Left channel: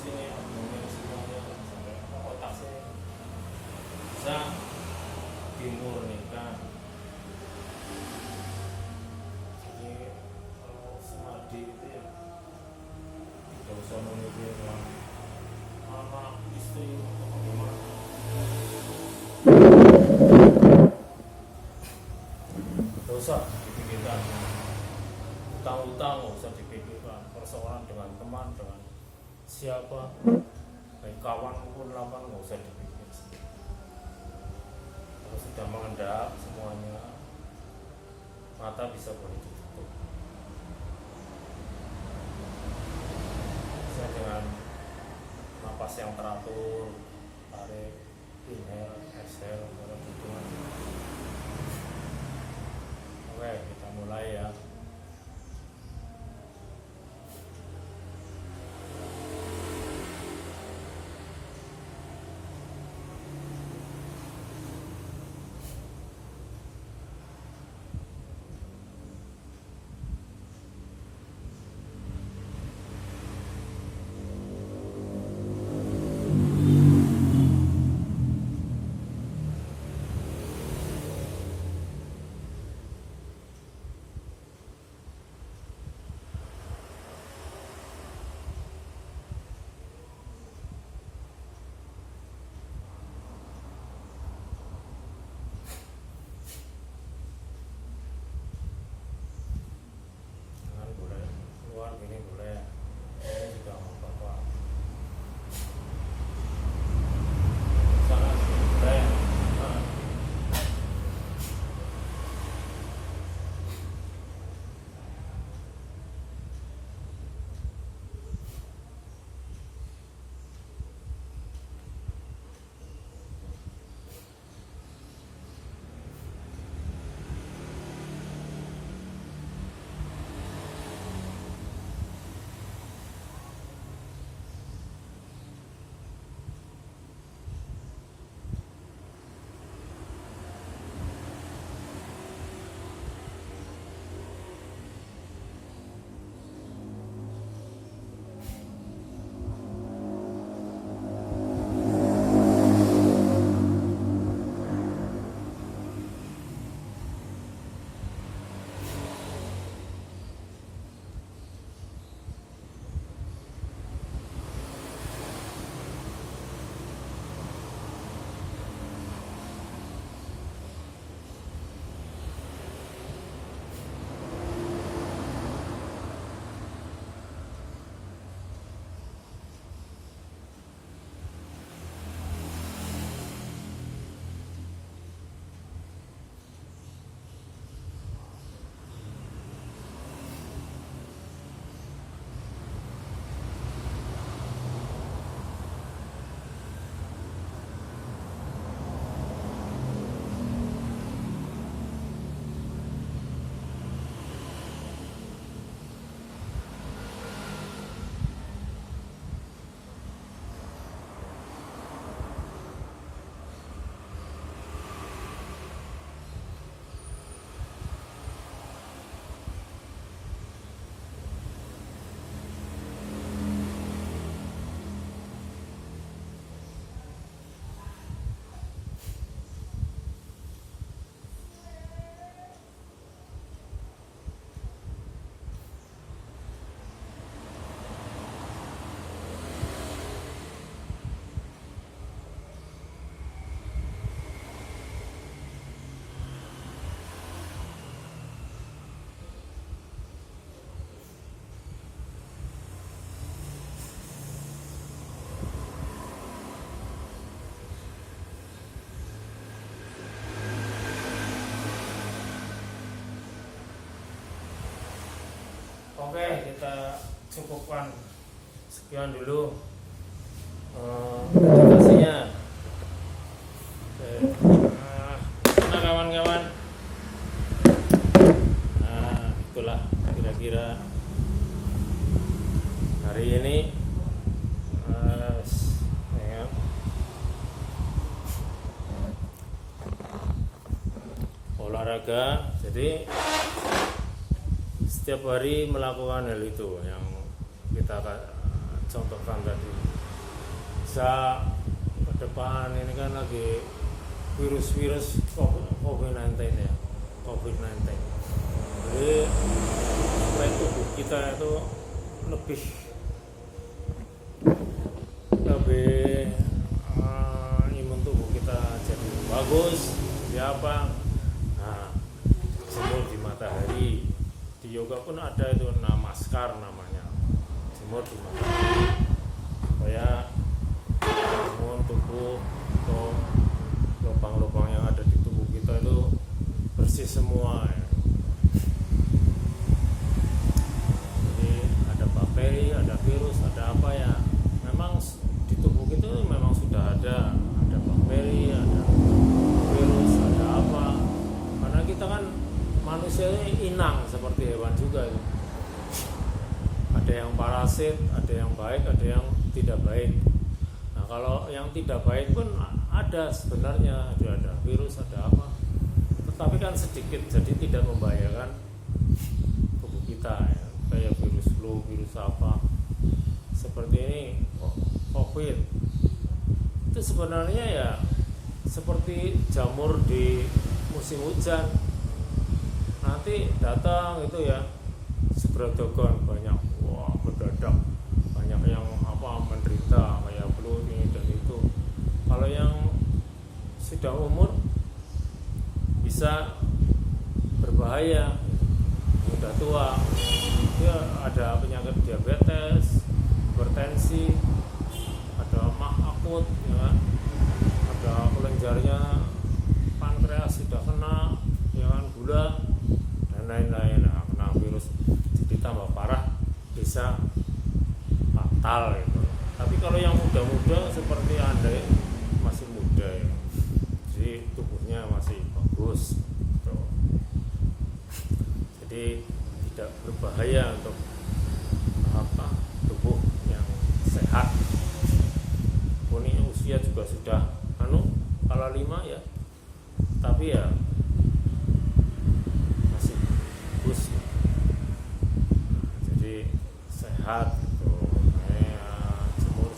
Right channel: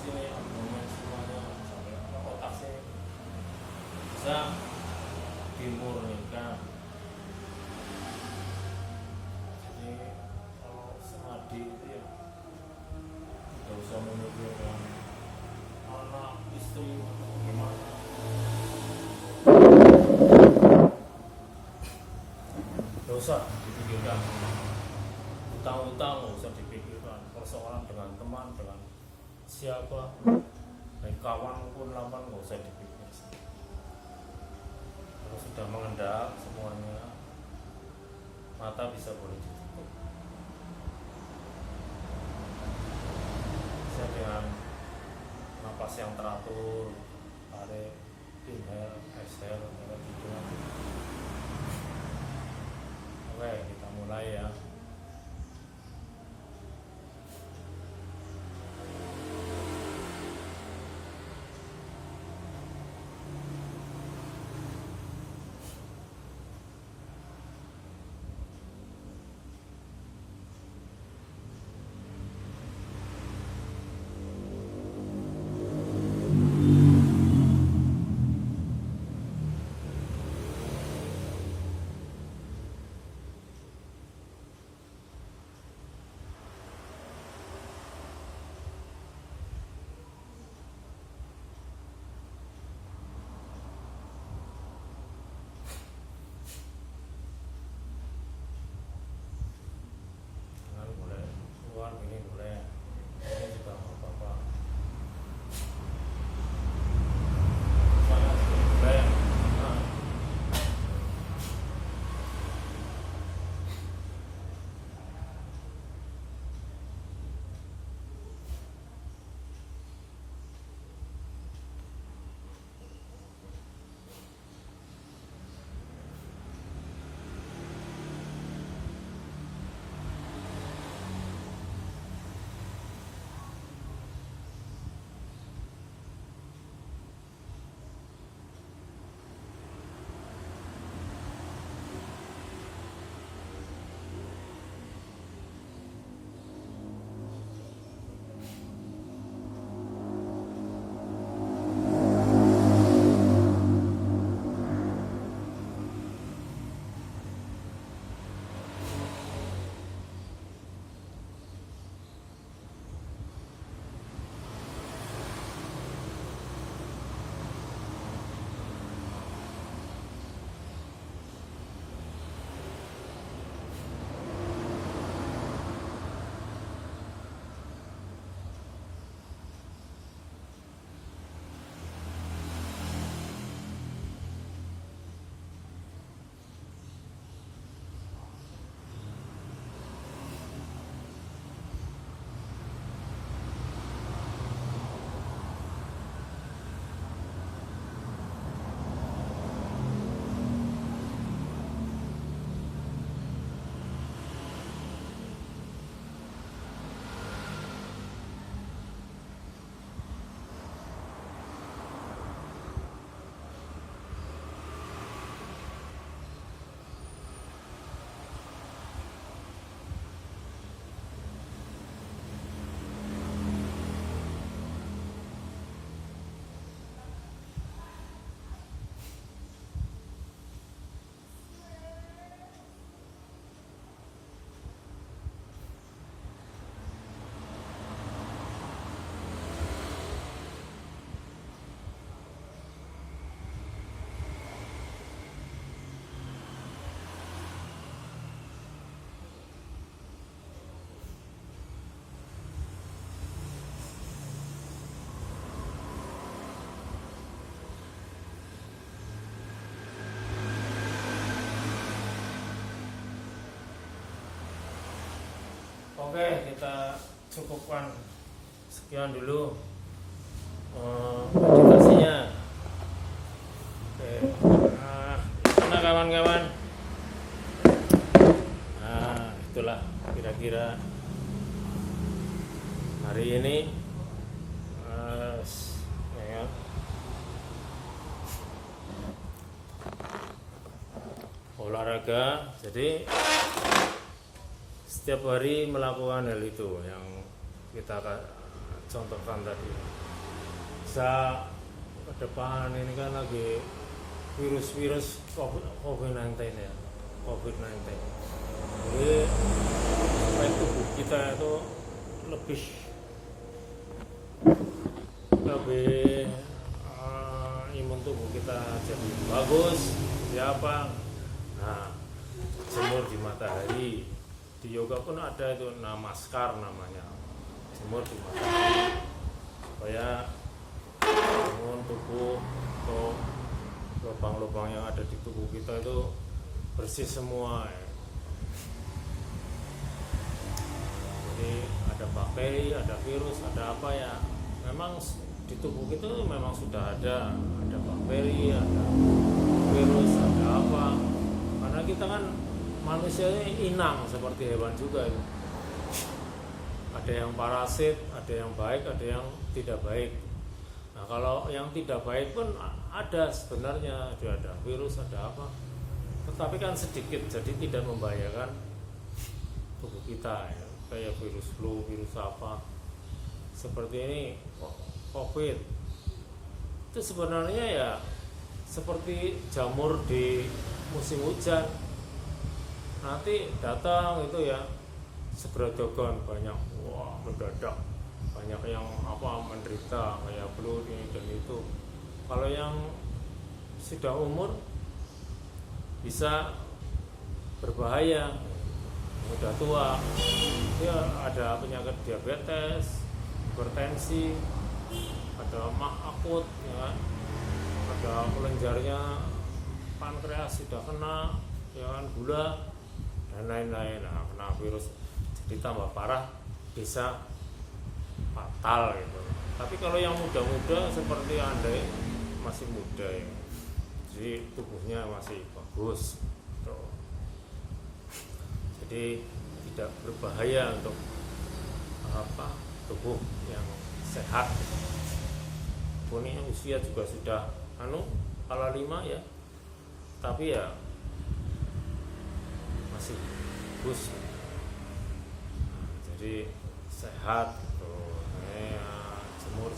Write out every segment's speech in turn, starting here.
sini abdomen semuanya sampai ke otak sini bisa dimurnikan. Jadi kalau semadi itu ya tidak usah memikirkan anak istri atau bagaimana. Tidak usah dipikirkan. Utang-utang nggak usah dipikirkan. Persoalan dengan teman, dengan siapa, baik kawan maupun lawan, nggak usah dipikir. Kalau sudah mengendap semuanya, mata bisa boleh ditutup. Bisa dengan napas yang teratur, tarik, inhale, exhale, kalau hitung aja. Oke, kita mulai ya. Boleh keluar gini, boleh ini juga nggak apa-apa. Sana boleh. Oke, kita cukupkan sekian dulu meditasinya. Oke, nah kawan-kawan, nah itulah kira-kira hari ini ya, olahraga. Jadi setiap hari melakukan hal itu yang kita contohkan tadi. Bisa ke depan ini kan lagi virus COVID-19 ya, COVID-19. Jadi supaya tubuh kita itu lebih imun tubuh kita jadi bagus. Siapa? Nah, jemur di matahari. Di yoga pun ada itu namaskar namanya, jemur di matahari supaya imun tubuh atau lubang-lubang yang ada di tubuh kita itu bersih semua ya. Jadi ada bakteri, ada virus, ada apa ya, memang di tubuh kita memang sudah ada bakteri, ada virus, ada apa, karena kita kan manusia ini inang seperti hewan juga itu. Ada yang parasit, ada yang baik, ada yang tidak baik. Nah kalau yang tidak baik pun ada sebenarnya, ada virus, ada apa, tetapi kan sedikit, jadi tidak membahayakan tubuh kita ya. Kayak virus flu, virus apa seperti ini, COVID itu sebenarnya ya seperti jamur di musim hujan, nanti datang itu ya segeradagan banyak, wah mendadak banyak yang apa menderita kayak flu ini dan itu. Kalau yang sudah umur bisa berbahaya, udah tua dia ada penyakit diabetes, hipertensi, ada mah akut ya kan, ada kelenjarnya pankreas sudah kena ya kan, gula dan lain-lain. Nah, kena virus jadi tambah parah, bisa fatal gitu. Tapi kalau yang muda-muda seperti Anda masih muda ya, jadi tubuhnya masih bagus gitu. Jadi tidak berbahaya untuk tubuh yang sehat. Ini usia juga sudah kala 5 ya, tapi ya masih bagus. Jadi sehat gitu.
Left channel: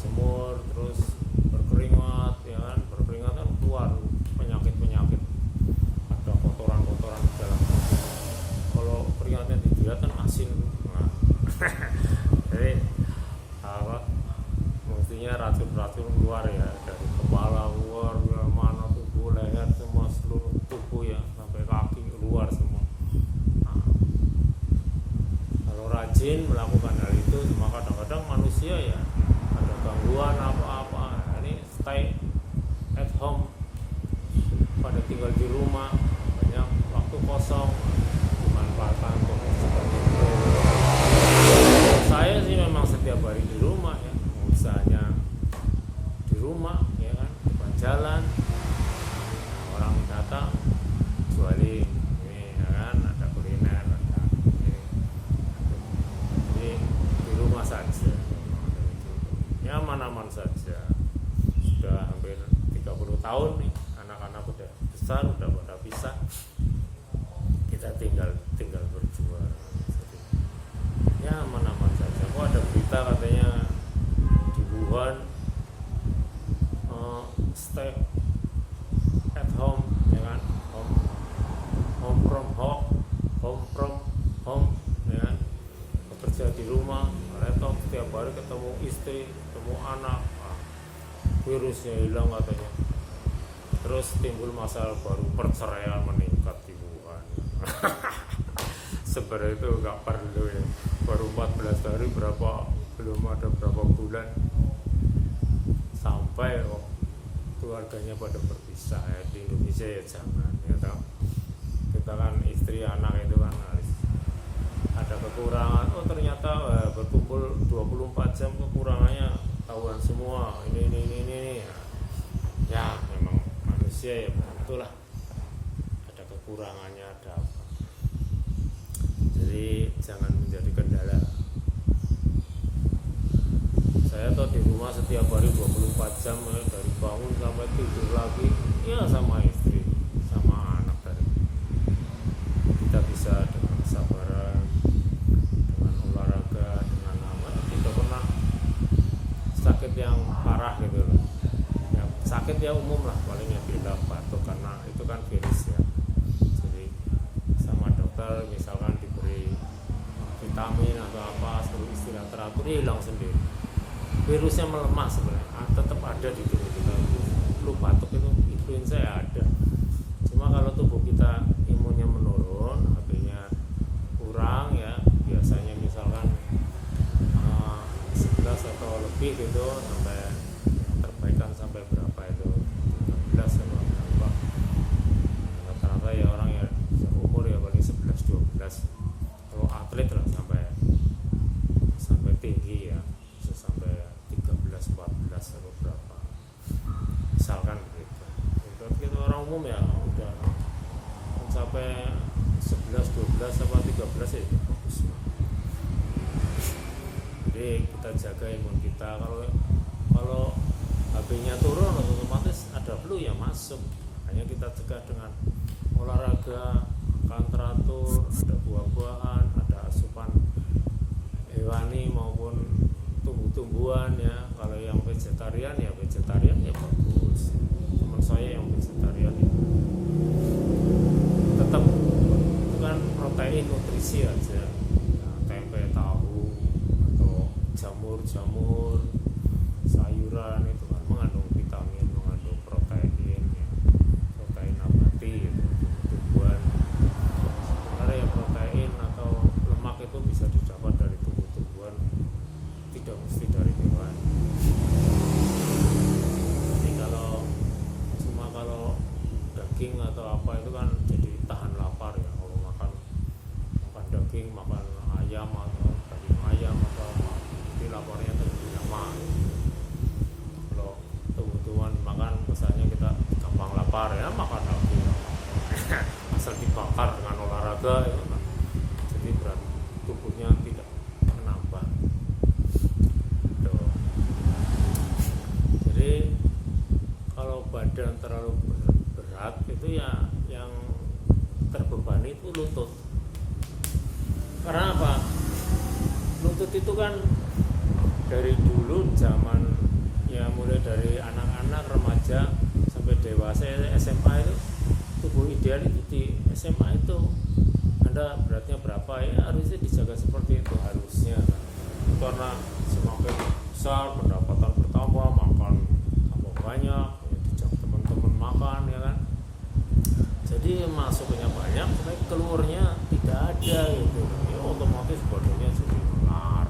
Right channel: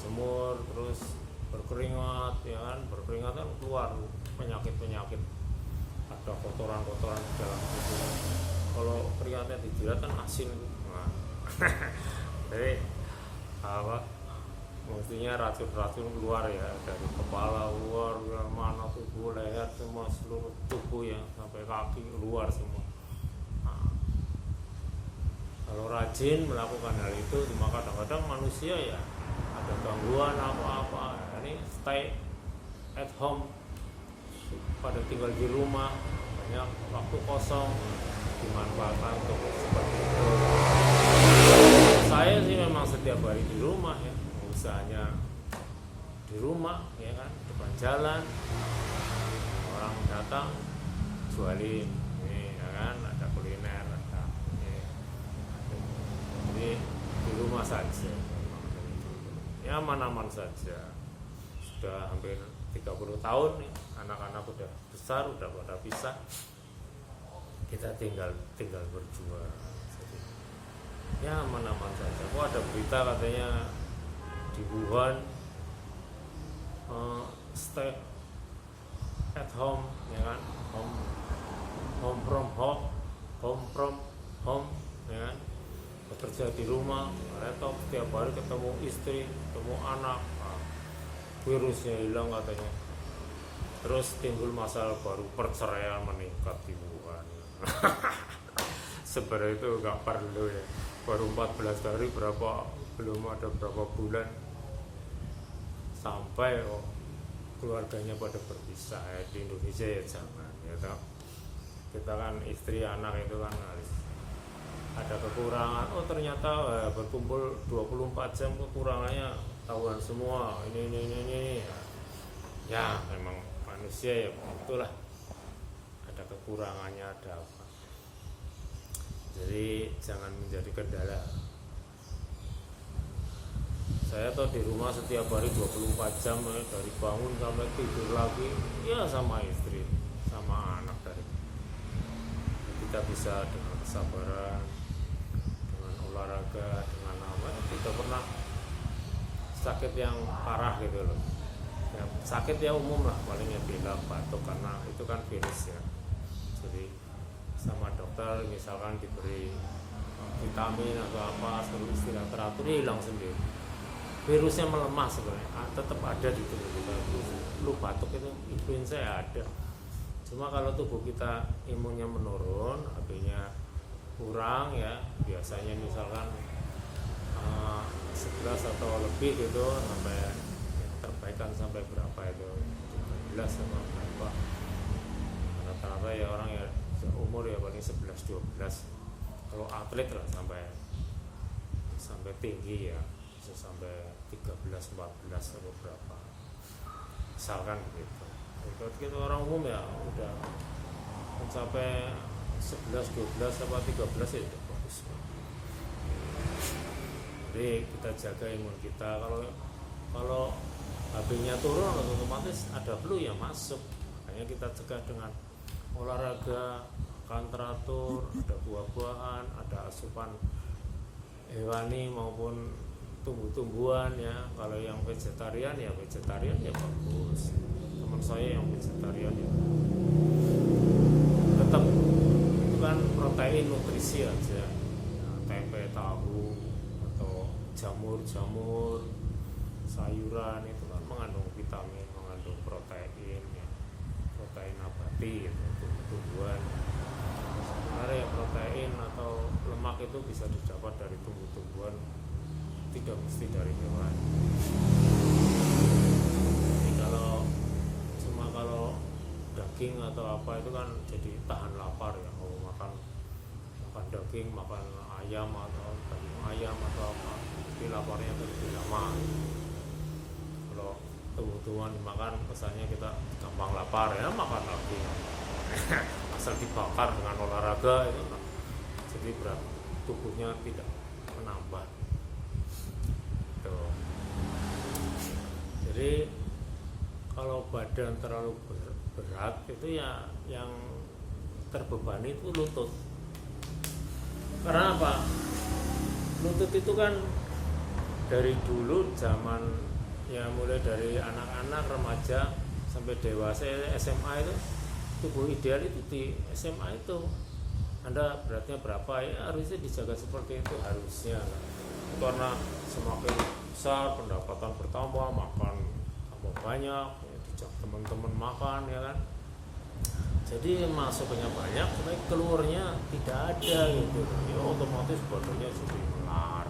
Jemur terus berkeringat ya kan, berkeringat kan keluar penyakit, ada kotoran di dalam tubuh. Kalau keringatnya dijilat kan asin. Nah, jadi mestinya racun keluar ya dari kepala keluar mana tubuh, leher, semua seluruh tubuh ya sampai kaki keluar semua. Nah, kalau rajin melakukan hal itu, cuma kadang-kadang manusia ya ada gangguan apa-apa. Ini stay at home, pada tinggal di rumah, banyak waktu kosong dimanfaatkan untuk seperti itu. Saya sih memang setiap hari di rumah ya, usahanya di rumah ya kan, depan jalan, orang datang jualin ini ya kan, ada kuliner, ada ini. Jadi di rumah saja memang dari dulu ya, aman-aman saja. Sudah hampir 30 tahun nih, anak-anak udah besar, udah pada pisah, kita tinggal berdua. Jadi ya aman-aman saja. Kok ada berita katanya di Wuhan stay at home ya kan, home from home ya kan, bekerja di rumah, laptop setiap hari, ketemu istri, ketemu anak. Virusnya hilang katanya. Terus timbul masalah baru, perceraian meningkat di Wuhan. Sebenarnya itu nggak perlu ya, baru 14 hari, belum ada berapa bulan sampai keluarganya pada berpisah ya. Di Indonesia ya jangan ya toh. Kita kan istri anak itu kan harus ada kekurangan. Ternyata berkumpul 24 jam kekurangannya tahuan semua, ini ya memang manusia ya begitulah, ada kekurangannya, ada apa. Jadi jangan menjadi kendala. Saya tuh di rumah setiap hari 24 jam ya, dari bangun sampai tidur lagi ya sama istri, sama anak. Dari kita bisa dengan kesabaran, dengan olahraga, dengan apa, tidak pernah sakit yang parah gitu loh. Ya, sakit ya umum lah, palingnya pilek, batuk, karena itu kan virus ya. Jadi sama dokter misalkan diberi vitamin atau apa, suruh istirahat teratur, hilang sendiri. Virusnya melemah sebenarnya, tetap ada di tubuh kita. Flu batuk itu influenza ya ada. Cuma kalau tubuh kita imunnya menurun, HP-nya kurang ya, biasanya misalkan 11 atau lebih gitu, sampai yang terbaik kan sampai berapa itu 13 atau berapa, rata-rata ya orang ya umur ya paling 11-12. Kalau atlet lah sampai tinggi ya, bisa sampai 13-14 atau berapa misalkan gitu. Itu orang umum ya udah sampai 11-12 atau 13 ya itu bagus banget. Jadi kita jaga imun kita. Kalau HP-nya turun otomatis ada flu yang masuk. Makanya kita cegah dengan olahraga, makan teratur, ada buah-buahan, ada asupan hewani maupun tumbuh-tumbuhan ya. Kalau yang vegetarian ya bagus. Teman saya yang vegetarian ya tetap itu kan protein nutrisi aja ya, tempe, tahu, atau jamur sayuran itu kan mengandung vitamin, mengandung protein ya, protein nabati gitu, tumbuhan. Sebenarnya ya protein atau lemak itu bisa didapat dari tumbuh-tumbuhan, tidak mesti dari hewan. Jadi kalau daging atau apa itu kan jadi tahan lapar ya. Kalau makan daging, makan ayam atau daging ayam atau apa, jadi laparnya lebih lama. Kalau tumbuh-tumbuhan dimakan kesannya kita gampang lapar ya, makan daging asal dibakar dengan olahraga itu nah, jadi berat tubuhnya tidak menambah tuh. Jadi kalau badan terlalu berat itu ya yang terbebani itu lutut. Karena apa? Lutut itu kan dari dulu zaman ya, mulai dari anak-anak, remaja sampai dewasa SMA itu tubuh ideal itu di SMA itu Anda beratnya berapa ya harusnya dijaga seperti itu harusnya kan. Karena semakin besar pendapatan bertambah, makan tambah banyak, dijak teman-teman makan ya kan. Jadi masuknya banyak, tapi keluarnya tidak ada gitu. Ya otomatis badannya jadi melar.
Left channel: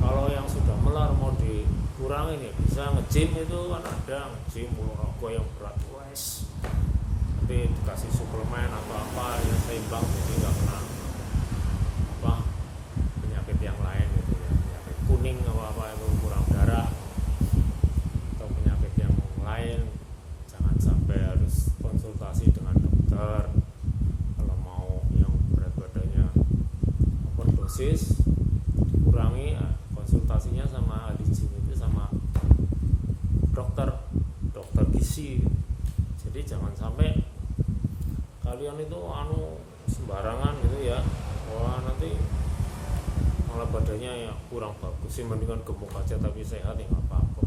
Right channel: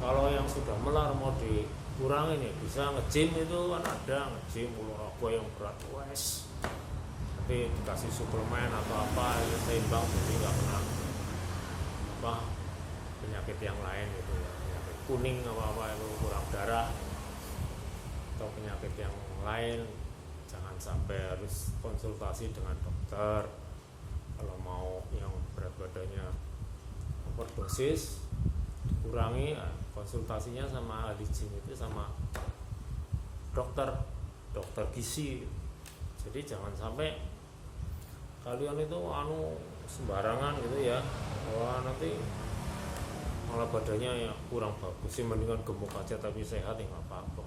Kalau yang sudah melar mau dikurangin ya bisa nge-gym, itu kan ada nge-gym olahraga yang berat wes. Nanti dikasih suplemen atau apa ya seimbang, jadi nggak kena apa penyakit yang lain gitu ya, penyakit kuning apa itu kurang darah atau penyakit yang lain. Jangan sampai harus konsultasi dengan dokter. Kalau mau yang berat badannya overdosis dikurangi, konsultasinya sama ahli gym itu sama dokter gizi. Jadi jangan sampai kalian itu sembarangan gitu ya, wah nanti malah badannya ya kurang bagus. Sih mendingan gemuk aja tapi sehat ya nggak apa-apa,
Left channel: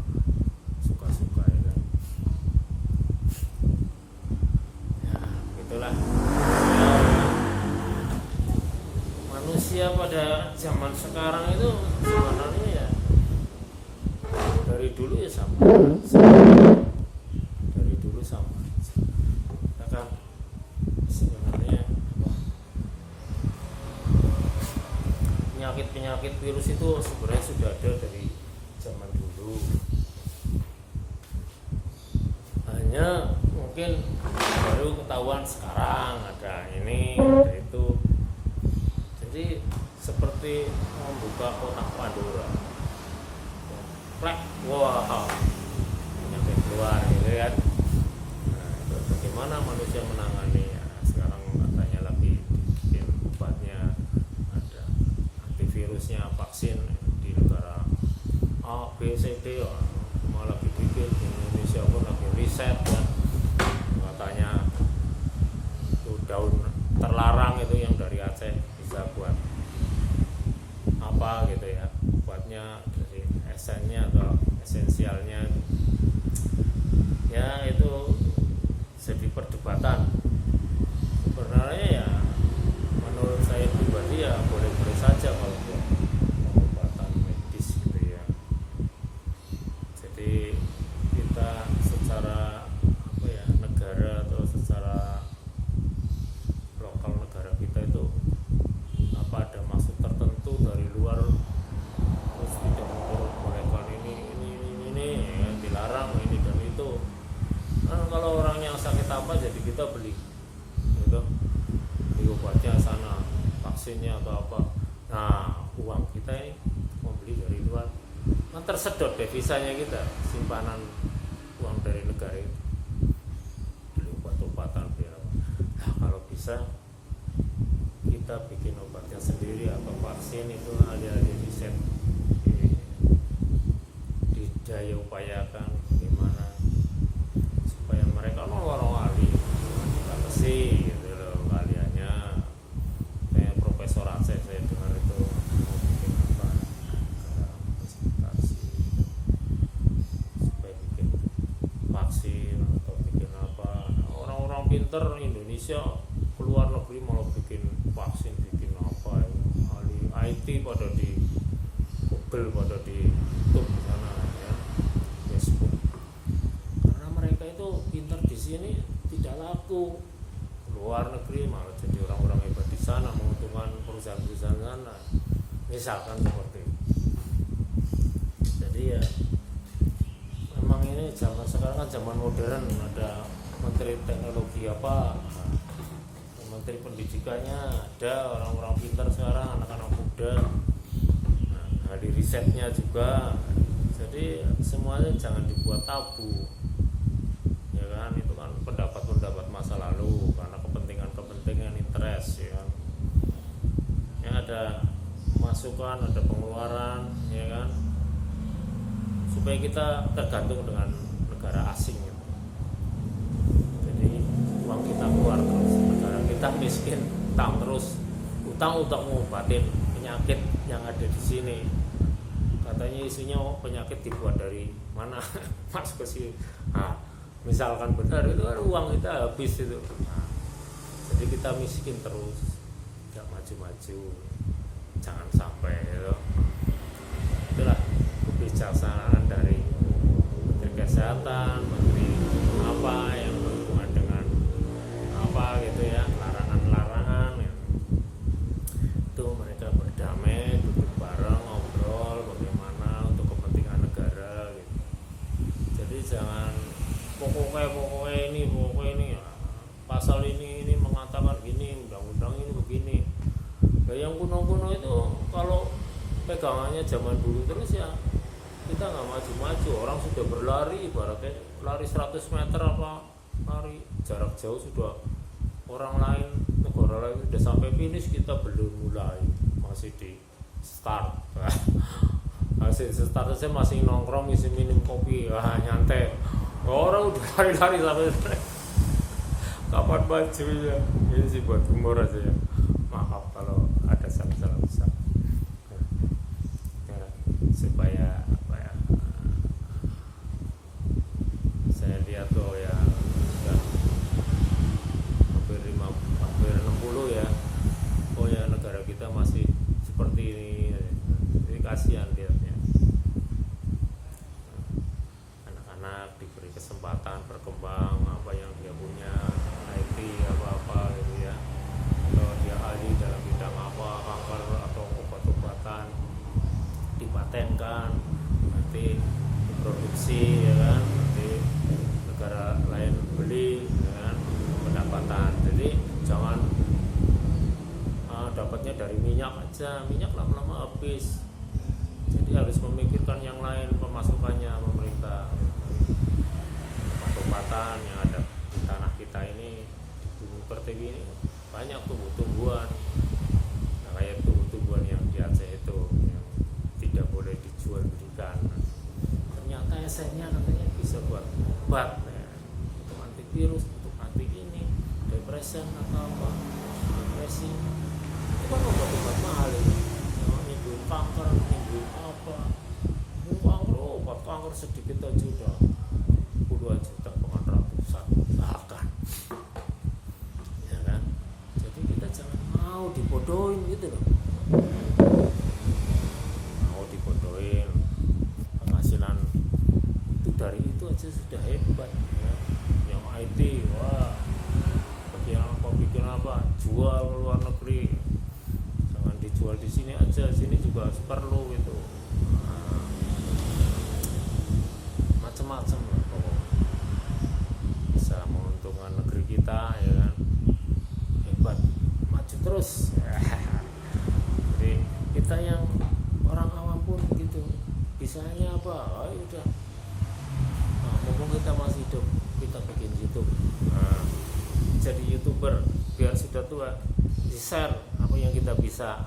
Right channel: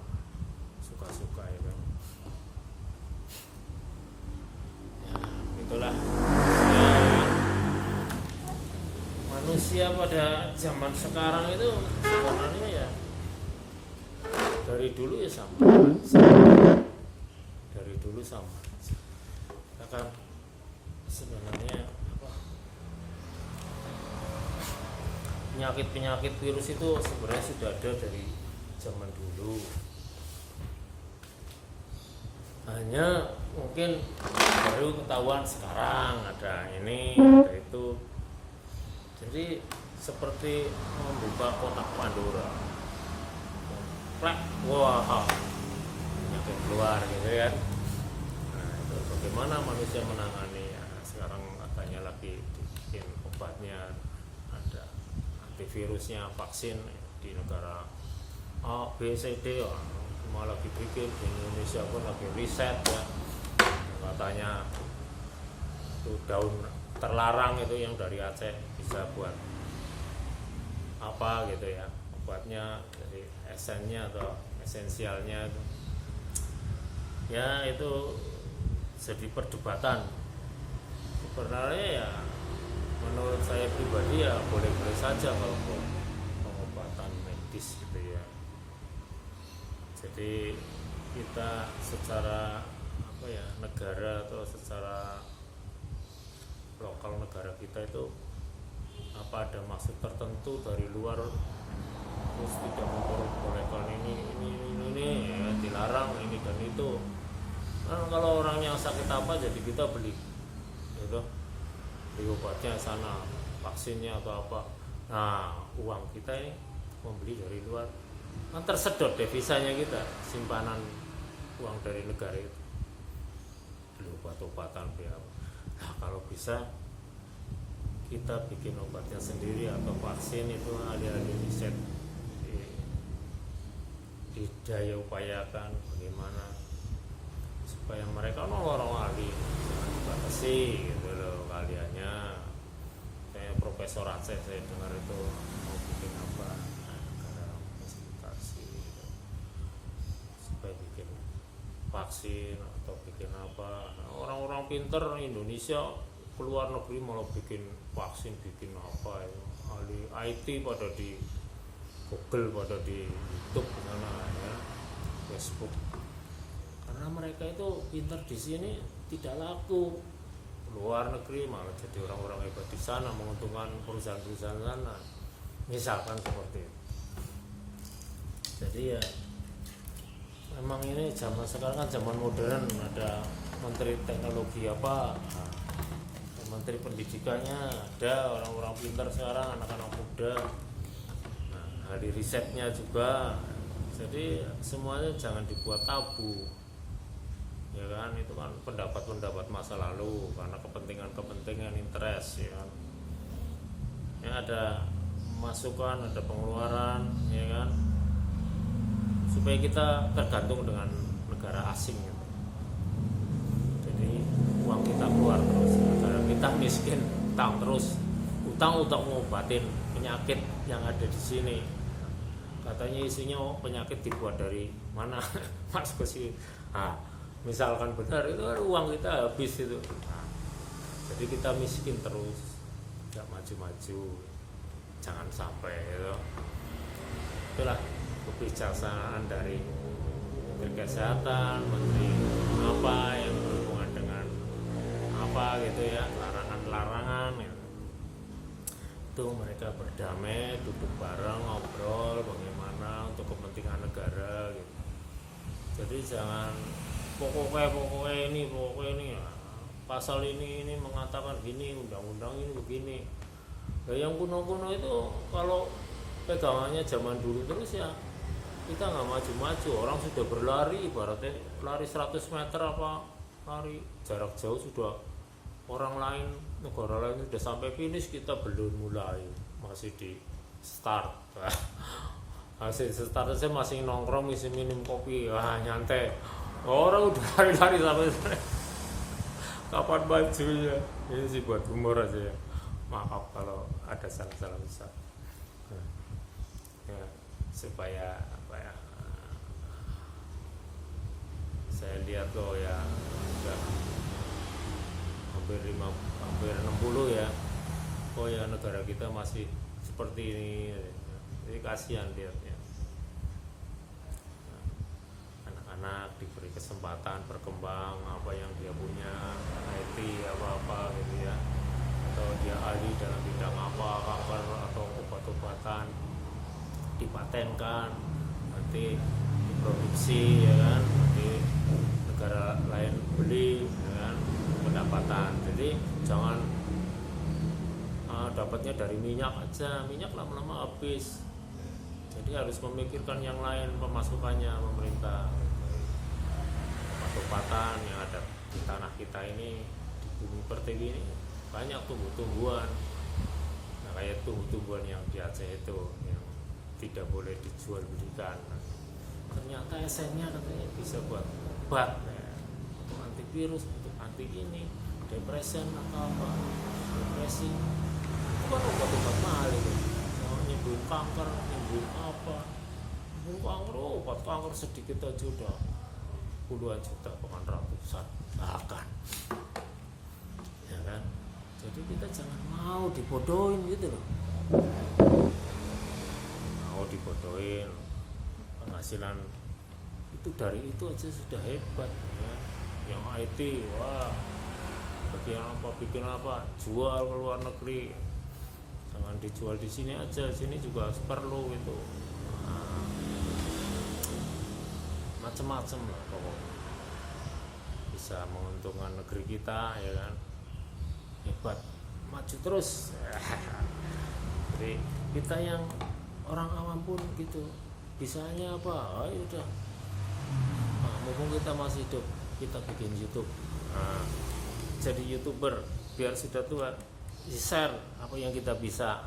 suka-suka ya kan. Itulah manusia pada zaman sekarang itu sebenarnya ya dari dulu ya sama. Dari dulu sama kita kan sebenarnya apa, penyakit virus itu sebenarnya sudah ada dari zaman dulu, hanya mungkin baru ketahuan sekarang ada ini, ada itu. Jadi seperti membuka kotak Pandora, wah penyakit keluar gitu kan. Nah itu bagaimana manusia menangani ya, sekarang katanya lagi bikin obatnya, ada antivirusnya, vaksin di negara A, B, C, D ya. Malah lagi bikin di Indonesia pun lagi riset ya, katanya itu daun terlarang itu yang dari Aceh bisa buat apa gitu ya, obatnya dari esennya atau esensialnya itu ya itu jadi perdebatan. Sebenarnya ya menurut saya pribadi ya boleh-boleh saja kalau buat pengobatan medis gitu ya. Jadi kita secara negara atau secara lokal negara kita itu ada maksud tertentu dari luar terus tidak memperbolehkan ini ya, dilarang ini dan itu. Nah, kalau orang yang sakit apa jadi kita beli gitu, beli obatnya sana, vaksinnya atau apa. Nah, uang kita ini membeli dari luar, kan tersedot devisanya kita, simpanan uang dari negara itu, beli obat-obatan biar apa. Nah, kalau bisa kita bikin obatnya sendiri atau vaksin itu alih-alih riset didaya upayakan bagaimana supaya mereka orang ahli jangan dibatasi gitu loh kaliannya. Kayak Profesor Aceh saya dengar itu mau bikin apa negara fasilitasi gitu, supaya bikin vaksin atau bikin apa. Orang-orang pinter Indonesia keluar negeri malah bikin vaksin, bikin apa ya, ahli IT pada di Google, pada di YouTube di sana ya, Facebook. Karena mereka itu pinter di sini tidak laku, luar negeri malah jadi orang-orang hebat di sana, menguntungkan perusahaan-perusahaan sana. Misalkan seperti itu. Jadi ya memang ini zaman sekarang kan zaman modern, ada menteri teknologi apa, menteri pendidikannya ada, orang-orang pintar sekarang, anak-anak muda, ahli risetnya juga. Jadi semuanya jangan dibuat tabu ya kan, itu kan pendapat-pendapat masa lalu karena kepentingan interest ya kan. Ya ada masukan, ada pengeluaran ya kan, supaya kita tergantung dengan negara asing gitu. Jadi uang kita keluar terus, negara kita miskin, utang terus, utang untuk mengobatin penyakit yang ada di sini. Katanya isinya penyakit dibuat dari mana? Mas ke sini. Nah, misalkan benar itu kan uang kita habis itu. Nah, jadi kita miskin terus, tidak maju-maju. Jangan sampai itu. Itulah kebijaksanaan dari Menteri Kesehatan, Menteri apa yang berhubungan dengan apa gitu ya, larangan-larangan ya. Itu mereka berdamai, duduk bareng, ngobrol bagaimana untuk kepentingan negara gitu. Jadi jangan pokoknya ini ya, pasal ini mengatakan gini, undang-undang ini begini. Ya, yang kuno-kuno itu kalau pegangannya zaman dulu terus ya kita nggak maju-maju. Orang sudah berlari, ibaratnya lari 100 meter apa lari jarak jauh sudah, orang lain, negara lain sudah sampai finish, kita belum mulai, masih di start. Masih start saya masih nongkrong, isi minum kopi, nyantai. Orang udah lari-lari sampai kapan bajunya. Ini sih buat humor aja ya. Maaf kalau ada salah-salah besar. Ya, supaya apa ya? Saya lihat tuh ya udah hampir 60 ya. Oh ya, negara kita masih seperti ini. Jadi kasihan lihatnya. Anak-anak diberi kesempatan berkembang apa yang dia punya, IT apa-apa gitu ya, atau dia ahli dalam bidang apa, kanker atau obat-obatan, dipatenkan, nanti diproduksi ya kan, nanti negara lain beli dengan pendapatan. Jadi jangan dapatnya dari minyak aja, minyak lama-lama habis. Jadi harus memikirkan yang lain pemasukannya pemerintah. Obat-obatan yang ada di tanah kita ini, di bumi pertiwi ini banyak tumbuh-tumbuhan. Nah, kayak tumbuh-tumbuhan yang di Aceh itu yang tidak boleh dijual belikan. Ternyata esennya katanya bisa buat obat ya, untuk antivirus, untuk anti ini, depresi atau apa, depresi. Itu kan obat-obat mahal itu, nyembuhin kanker, nyembuhin apa. kanker sedikit aja udah puluhan juta bahkan ratusan bahkan, ya kan. Jadi kita jangan mau dibodohin gitu loh, mau dibodohin. Penghasilan itu dari itu aja sudah hebat ya. Yang IT, wah bikin apa jual ke luar negeri, jangan dijual di sini aja, sini juga perlu itu. Nah, macam-macam lah pokoknya bisa menguntungkan negeri kita, ya kan. Hebat, maju terus. Jadi kita yang orang awam pun gitu, bisanya apa, ayo udah, nah, mumpung kita masih hidup, kita bikin YouTube. Nah, jadi YouTuber biar sudah tua, di-share apa yang kita bisa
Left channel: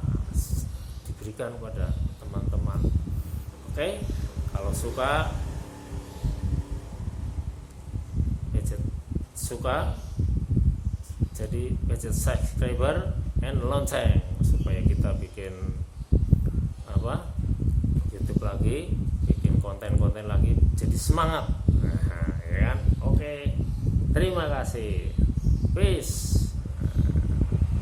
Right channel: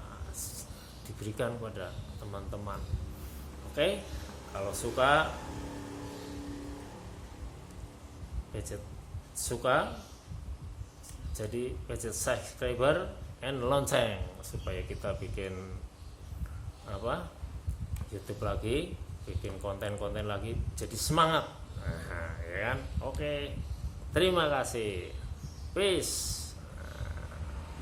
diberikan pada teman-teman. Oke, kalau suka jadi pencet subscriber and lonceng supaya kita bikin apa YouTube lagi, bikin konten-konten lagi, jadi semangat. Nah, ya kan? Oke, terima kasih. Peace.